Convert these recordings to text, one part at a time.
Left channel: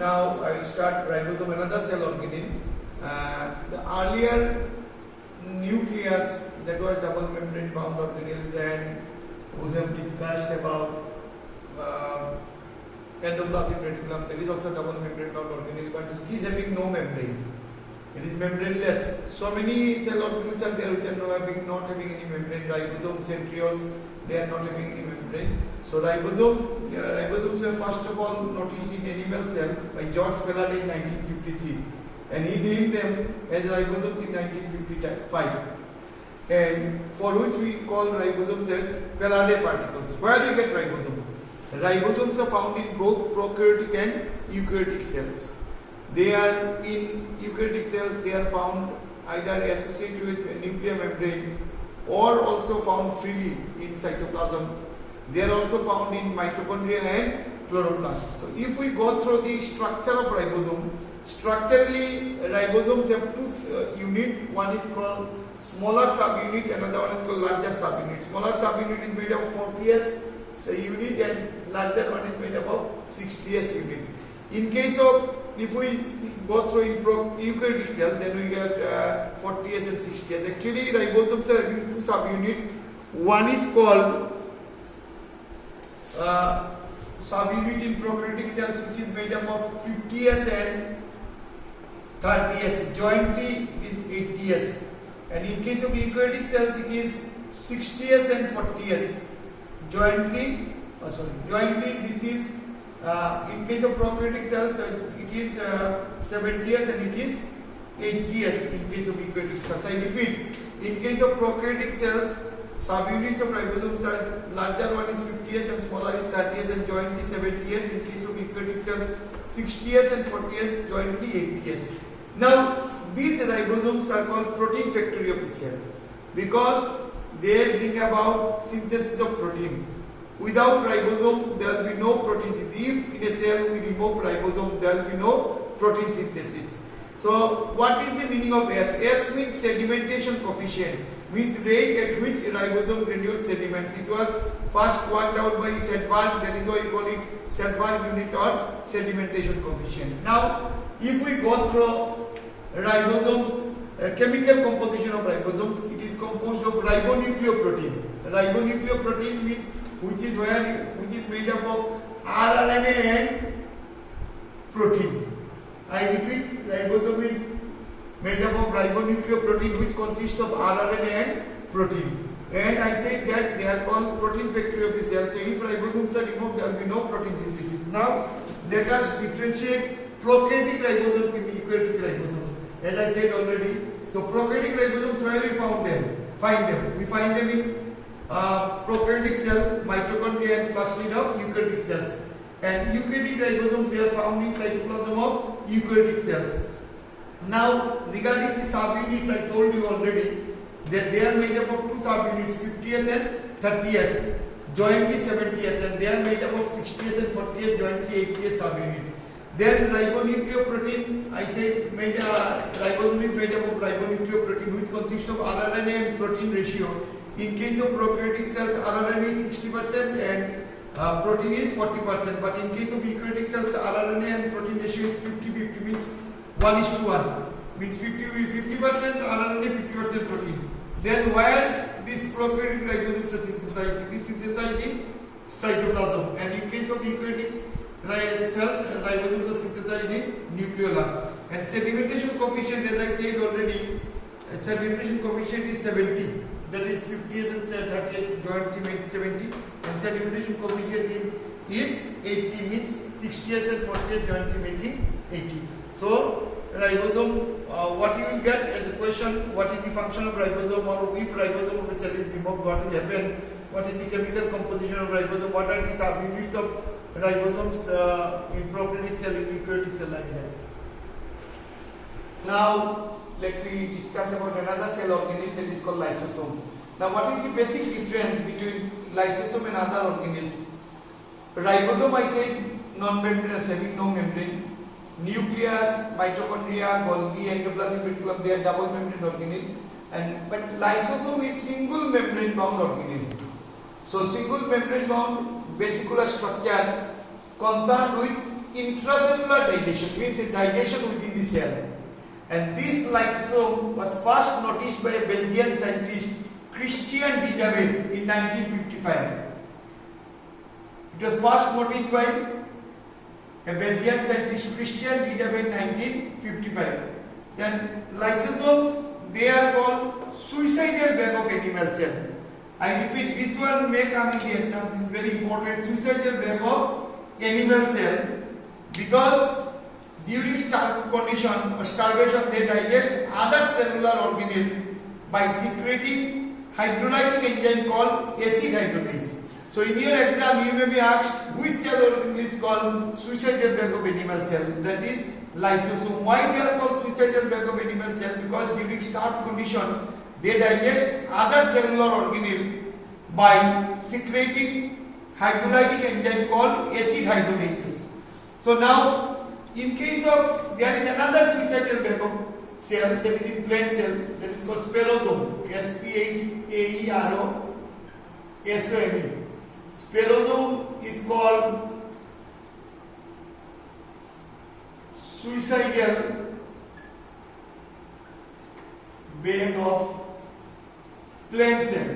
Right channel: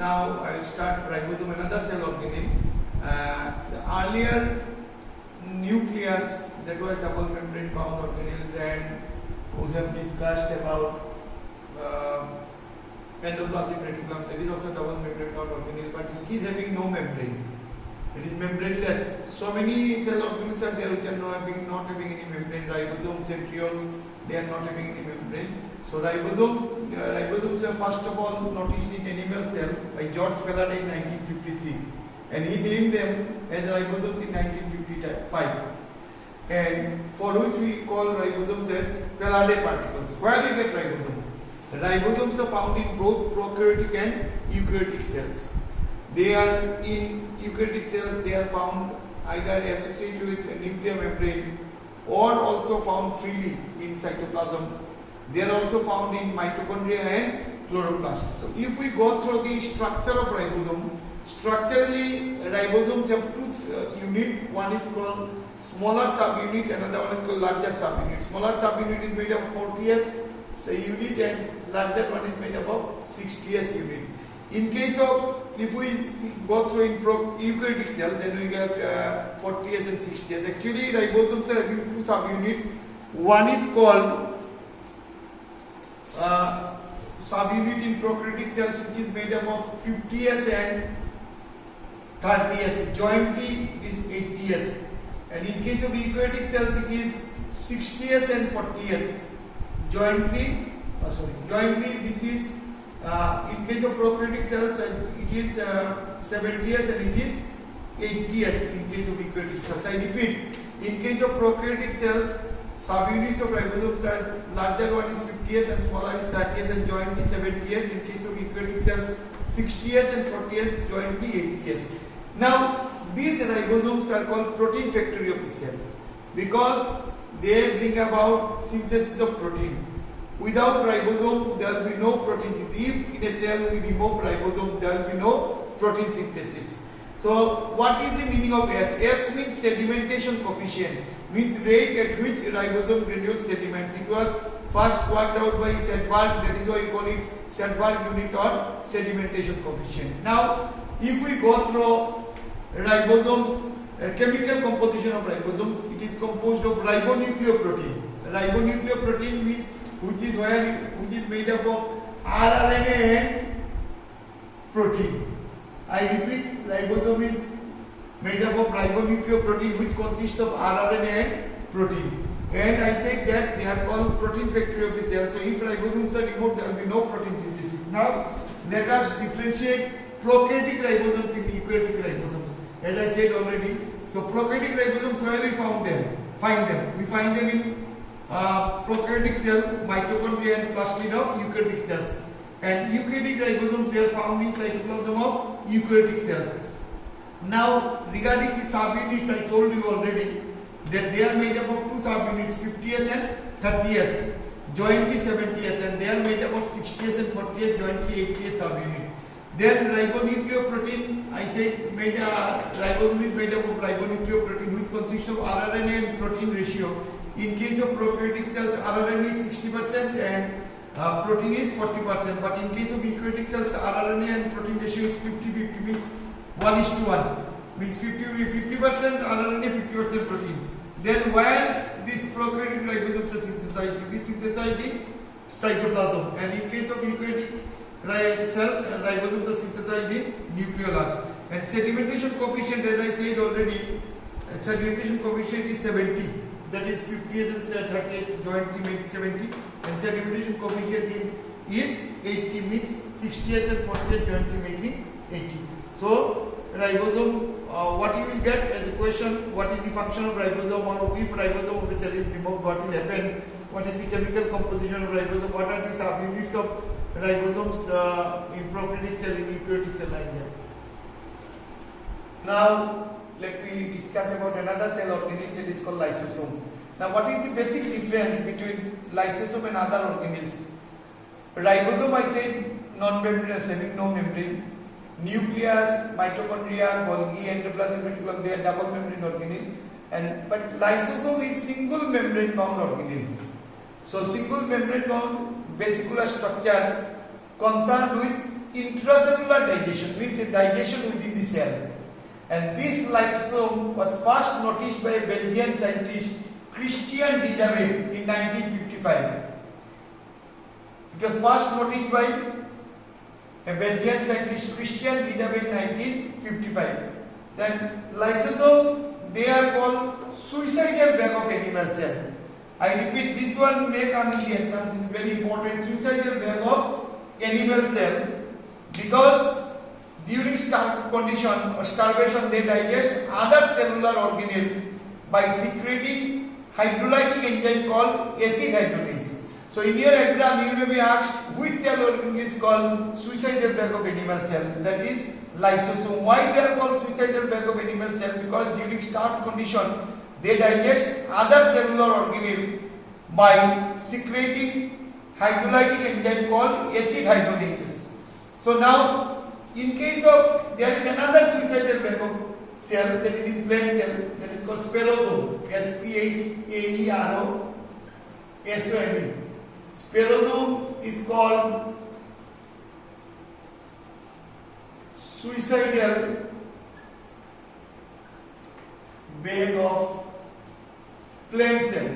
Now I will start ribosome, another cell organelle. The earlier nucleus, that was double membrane bound organelles, and we have discussed about endoplasmic reticulum. That is also double membrane bound organelle, but it is having no membrane. It is membraneless. So many cell organelles are there which are not having any membrane. Ribosomes, centrioles, they are not having any membrane. So ribosomes were first of all noticed in animal cell by George Faraday in 1953, and he named them as ribosomes in 1955, and for which we call ribosomes as Faraday particles. Where we get ribosome? Ribosomes are found in both prokaryotic and eukaryotic cells. They are in eukaryotic cells. They are found either associated with a nuclear membrane or also found freely in cytoplasm. They are also found in mitochondria and chloroplast. So if we go through the structure of ribosome, structurally ribosomes have two units. One is called smaller subunit, another one is called larger subunit. Smaller subunit is made up of 40S unit and larger one is made up of 60S unit. In case of, if we go through in eukaryotic cell, then we get 40S and 60S. Actually ribosomes are having two subunits. One is called subunit in prokaryotic cells, which is made up of 50S and 30S. Jointly is 80S. And in case of eukaryotic cells, it is 60S and 40S. Jointly this is in case of prokaryotic cells, it is 70S and it is 80S in case of eukaryotic cells. I repeat, in case of prokaryotic cells, subunits of ribosomes are larger one is 50S and smaller is 30S and jointly 70S. In case of eukaryotic cells, 60S and 40S, jointly 80S. Now, these ribosomes are called protein factory of the cell because they bring about synthesis of protein. Without ribosome, there will be no protein synthesis. If in a cell we remove ribosome, there will be no protein synthesis. So, what is the meaning of S? S means sedimentation coefficient, means rate at which ribosome granules sediments. It was first worked out by Sedberg, that is why we call it Sedberg unit or sedimentation coefficient. Now, if we go through ribosomes, chemical composition of ribosomes, it is composed of ribonucleoprotein. Ribonucleoprotein means which is made up of rRNA and protein. I repeat, ribosome is made up of ribonucleoprotein which consists of rRNA and protein. And I said that they are called protein factory of the cell. So if ribosomes are removed, there will be no protein synthesis. Now let us differentiate prokaryotic ribosomes and eukaryotic ribosomes. As I said already, so prokaryotic ribosomes, where we find them? We find them in prokaryotic cell, mitochondria and plastid of eukaryotic cells. And eukaryotic ribosomes are found in cytoplasm of eukaryotic cells. Now, regarding the subunits, I told you already that they are made up of two subunits, 50S and 30S, jointly 70S, and they are made up of 60S and 40S, jointly 80S subunit. Then ribonucleoprotein, I said ribosome is made up of ribonucleoprotein which consists of rRNA and protein ratio. In case of prokaryotic cells, rRNA is 60% and protein is 40%. But in case of eukaryotic cells, rRNA and protein ratio is 50-50, means 1:1. Means 50% rRNA, 50% protein. Then where this prokaryotic ribosomes are synthesized? It is synthesized in cytoplasm. And in case of eukaryotic cells, ribosomes are synthesized in nucleolus. And sedimentation coefficient, as I said already, sedimentation coefficient is 70. That is 50S and 30S jointly makes 70. And sedimentation coefficient is 80, means 60S and 40S jointly making 80. So ribosome, what you will get as a question, what is the function of ribosome, or if ribosome of a cell is removed, what will happen? What is the chemical composition of ribosome? What are the subunits of ribosomes in prokaryotic cell, in eukaryotic cell, like that. Now let me discuss about another cell organelle that is called lysosome. Now what is the basic difference between lysosome and other organelles? Ribosome, I said, non-membranous, having no membrane. Nucleus, mitochondria, Golgi, endoplasmic reticulum, they are double membrane organelle. But lysosome is single membrane bound organelle. So single membrane bound vesicular structure concerned with intracellular digestion, means a digestion within the cell. And this lysosome was first noticed by a Belgian scientist Christian Didabe in 1955. It was first noticed by a Belgian scientist Christian Didabe in 1955. Then lysosomes, they are called suicidal bag of animal cell. I repeat, this one may come in the exam. This is very important. Suicidal bag of animal cell, because during starvation condition or starvation they digest other cellular organelle by secreting hydrolytic enzyme called acid hydrolase. So in your exam you may be asked which cell organelle is called suicidal bag of animal cell, that is lysosome. Why they are called suicidal bag of animal cell? Because during starved condition they digest other cellular organelle by secreting hydrolytic enzyme called acid hydrolase. So now in case of, there is another suicidal bag of cell, that is in plant cell, that is called spherosome. Spherosome. Spherosome is called suicidal bag of plant cell.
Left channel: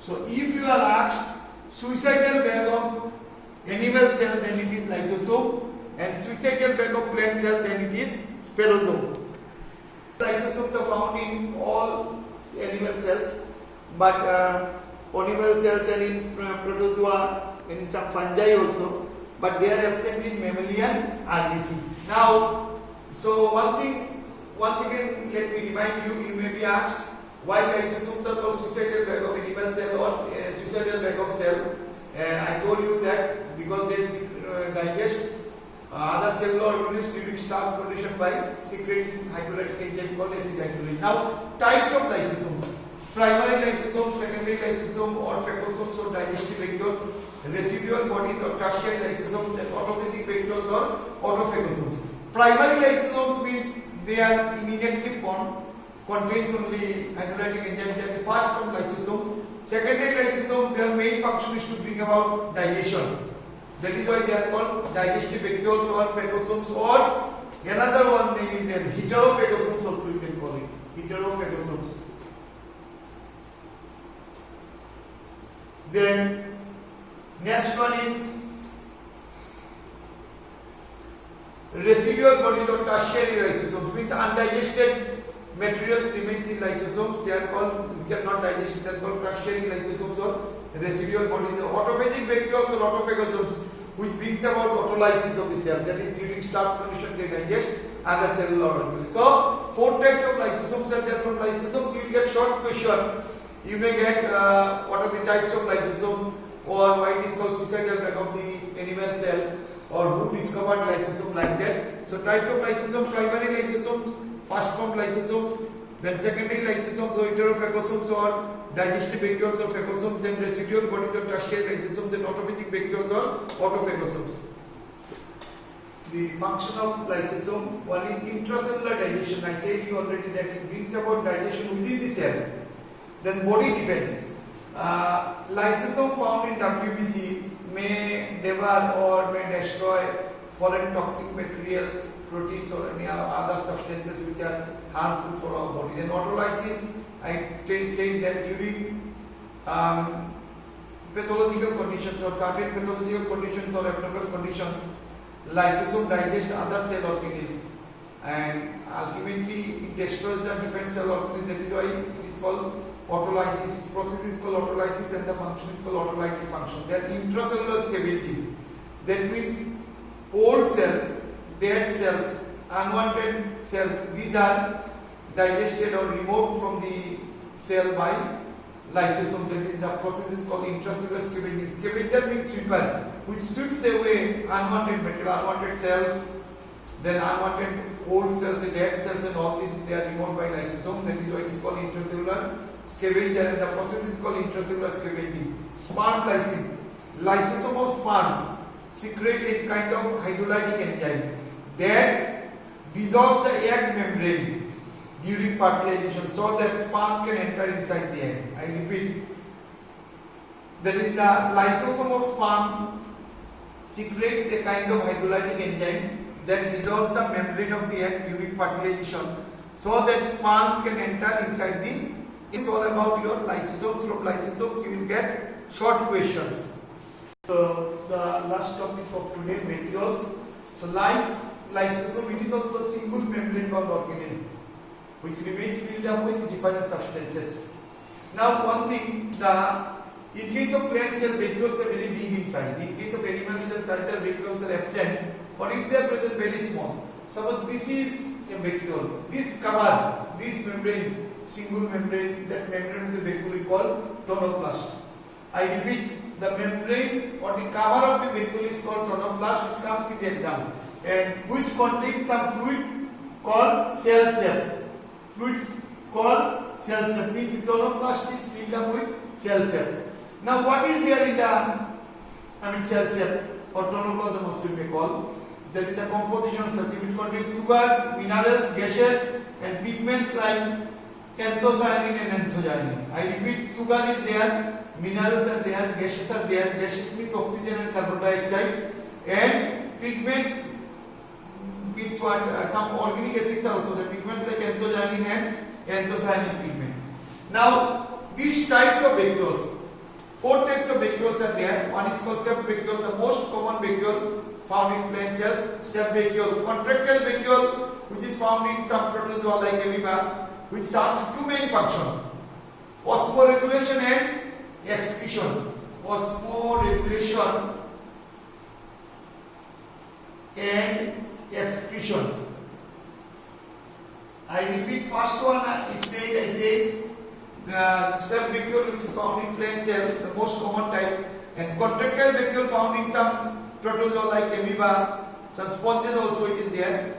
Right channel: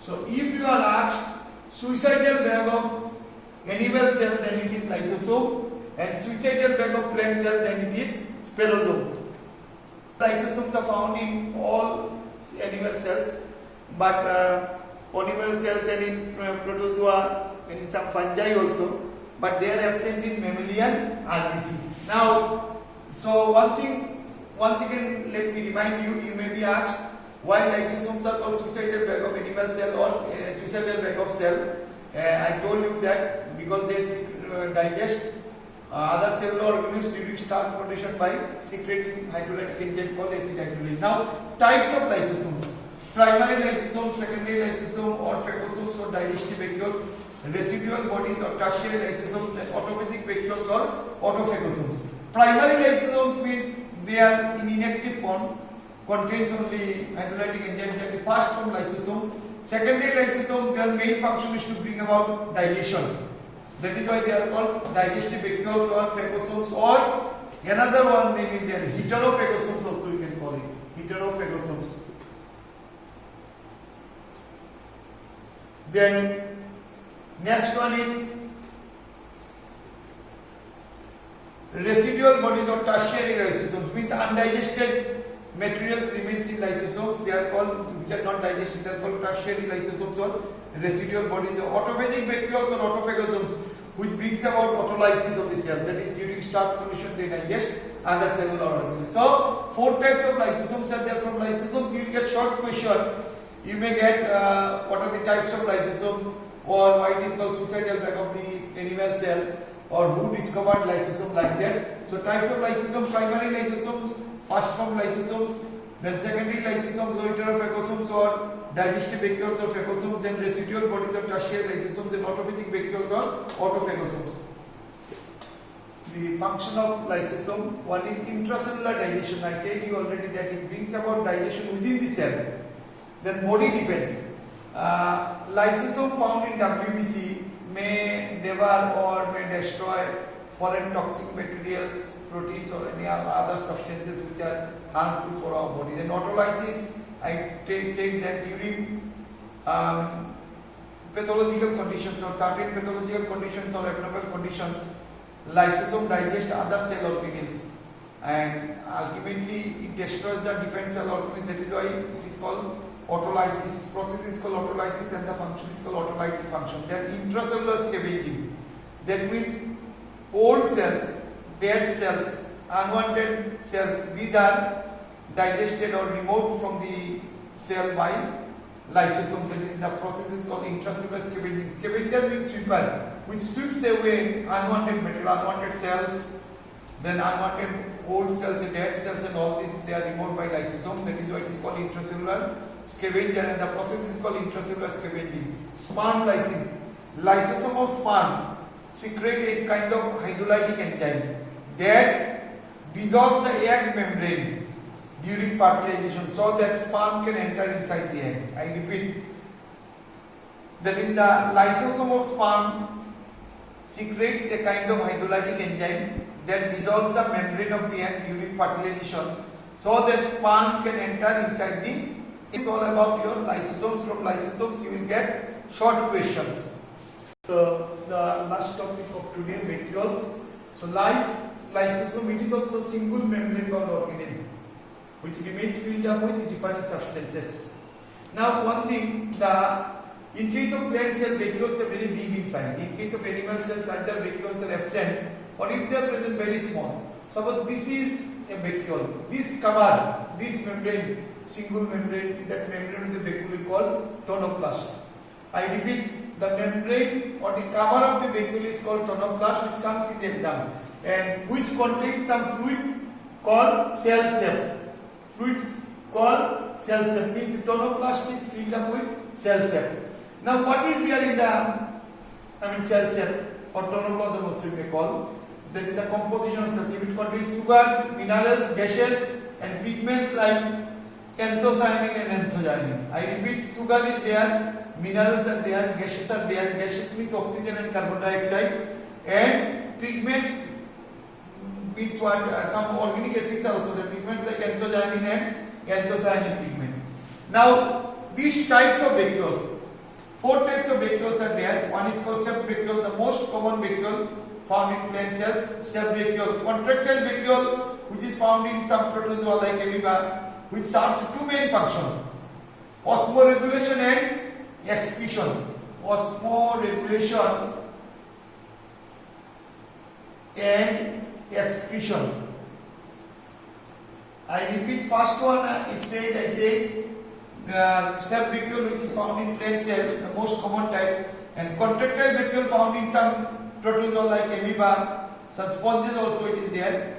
So if you are asked suicidal bag of animal cell, then it is lysosome, and suicidal bag of plant cell, then it is spherosome. Lysosomes are found in all animal cells, but animal cells and in protozoa and in some fungi also, but they are absent in mammalian RBC. Now, so one thing, once again let me remind you, you may be asked why lysosomes are called suicidal bag of animal cell or suicidal bag of cell. I told you that because they digest other cellular organisms during starved condition by secreting hydrolytic enzyme called acid hydrolase. Now, types of lysosomes: primary lysosome, secondary lysosome, or phagocytes or digestive vacuoles, residual bodies or tertiary lysosomes, and autophagic vacuoles or autophagocytes. Primary lysosomes means they are in inactive form, contains only hydrolytic enzymes, that is first form lysosome. Secondary lysosome, their main function is to bring about digestion. That is why they are called digestive vacuoles or phagocytes, or another one name is there, heterophagocytes also you can call it, heterophagocytes. Then next one is residual bodies or tertiary lysosomes, means undigested materials remains in lysosomes. They are called, which are not digested, they are called tertiary lysosomes or residual bodies. Autophagic vacuoles or autophagocytes, which brings about autolysis of the cell, that is during starved condition they digest other cellular organelles. So 4 types of lysosomes are there. From lysosomes you will get short question. You may get what are the types of lysosomes, or why it is called suicidal bag of the animal cell, or who discovered lysosome, like that. So types of lysosome: primary lysosomes, first form lysosomes, then secondary lysosomes or heterophagocytes or digestive vacuoles or phagocytes, then residual bodies of tertiary lysosomes, then autophagic vacuoles or autophagocytes. The function of lysosome: one is intracellular digestion. I said you already that it brings about digestion within the cell. Then body defense. Lysosome found in WBC may devour or may destroy foreign toxic materials, proteins or any other substances which are harmful for our body. Then autolysis, I said that during pathological conditions or certain pathological conditions or abnormal conditions, lysosome digest other cell organelles and ultimately it destroys the different cell organelles. That is why it is called autolysis. Process is called autolysis and the function is called autolytic function. Then intracellular scavenging. That means old cells, dead cells, unwanted cells, these are digested or removed from the cell by lysosome. That is, the process is called intracellular scavenging. Scavenger means sweeper, which sweeps away unwanted material, unwanted cells, then unwanted old cells, the dead cells and all this, they are removed by lysosome. That is why it is called intracellular scavenger, and the process is called intracellular scavenging. Sperm lysing. Lysosome of sperm secrete a kind of hydrolytic enzyme that dissolves the egg membrane during fertilization so that sperm can enter inside the egg. I repeat, that is, the lysosome of sperm secretes a kind of hydrolytic enzyme that dissolves the membrane of the egg during fertilization so that sperm can enter inside the. It's all about your lysosomes. From lysosomes you will get short questions. So the last topic of today, vacuoles. So like lysosome, it is also single membrane bound organelle which remains filled up with different substances. Now one thing, in case of plant cell, vacuoles are very big in size. In case of animal cells, either vacuoles are absent or if they are present, very small. Suppose this is a vacuole. This cover, this membrane, single membrane, that membrane of the vacuole we call tonoplast. I repeat, the membrane or the cover of the vacuole is called tonoplast, which comes in the exam, and which contains some fluid called cell sac. Fluid called cell sac means tonoplast is filled up with cell sac. Now what is there in the cell sac or tonoplasm also you may call? That is the composition of such. It will contain sugars, minerals, gases and pigments like anthocyanin and anthocyanin. I repeat, sugar is there, minerals are there, gases are there. Gases means oxygen and carbon dioxide, and pigments means what? Some organic acids are also the pigments like anthocyanin and anthocyanin pigment. Now these types of vacuoles, 4 types of vacuoles are there. One is called sept vacuole, the most common vacuole found in plant cells. Sept vacuole, contractile vacuole, which is found in some protozoa like amoeba, which serves 2 main functions: osmoregulation and excretion. Osmoregulation and excretion. I repeat, first one is made as a sept vacuole, which is found in plant cells, the most common type, and contractile vacuole found in some protozoa like amoeba, some sponges also it is there.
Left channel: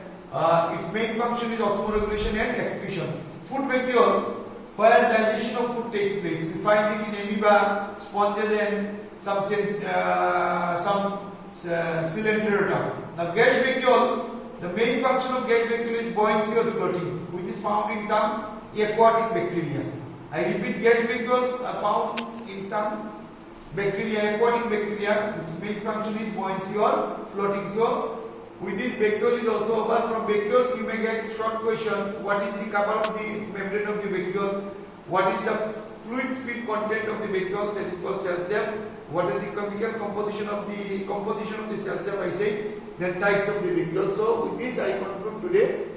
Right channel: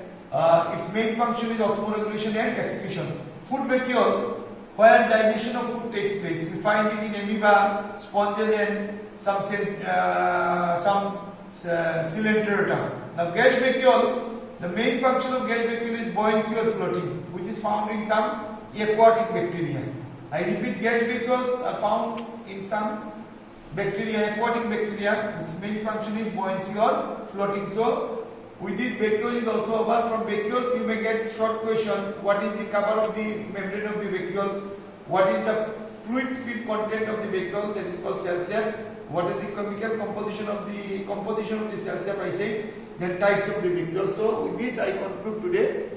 Its main function is osmoregulation and excretion. Food vacuole, where digestion of food takes place. We find it in amoeba, sponges and some coelenterata. Now gas vacuole, the main function of gas vacuole is buoyancy or floating, which is found in some aquatic bacteria. I repeat, gas vacuoles are found in some bacteria, aquatic bacteria, which main function is buoyancy or floating. So with this vacuole is also over. From vacuoles you may get short question: what is the cover of the membrane of the vacuole? What is the fluid filled content of the vacuole? That is called cell sac. What is the chemical composition of the cell sac? I say the types of the vacuole. So with this I conclude today.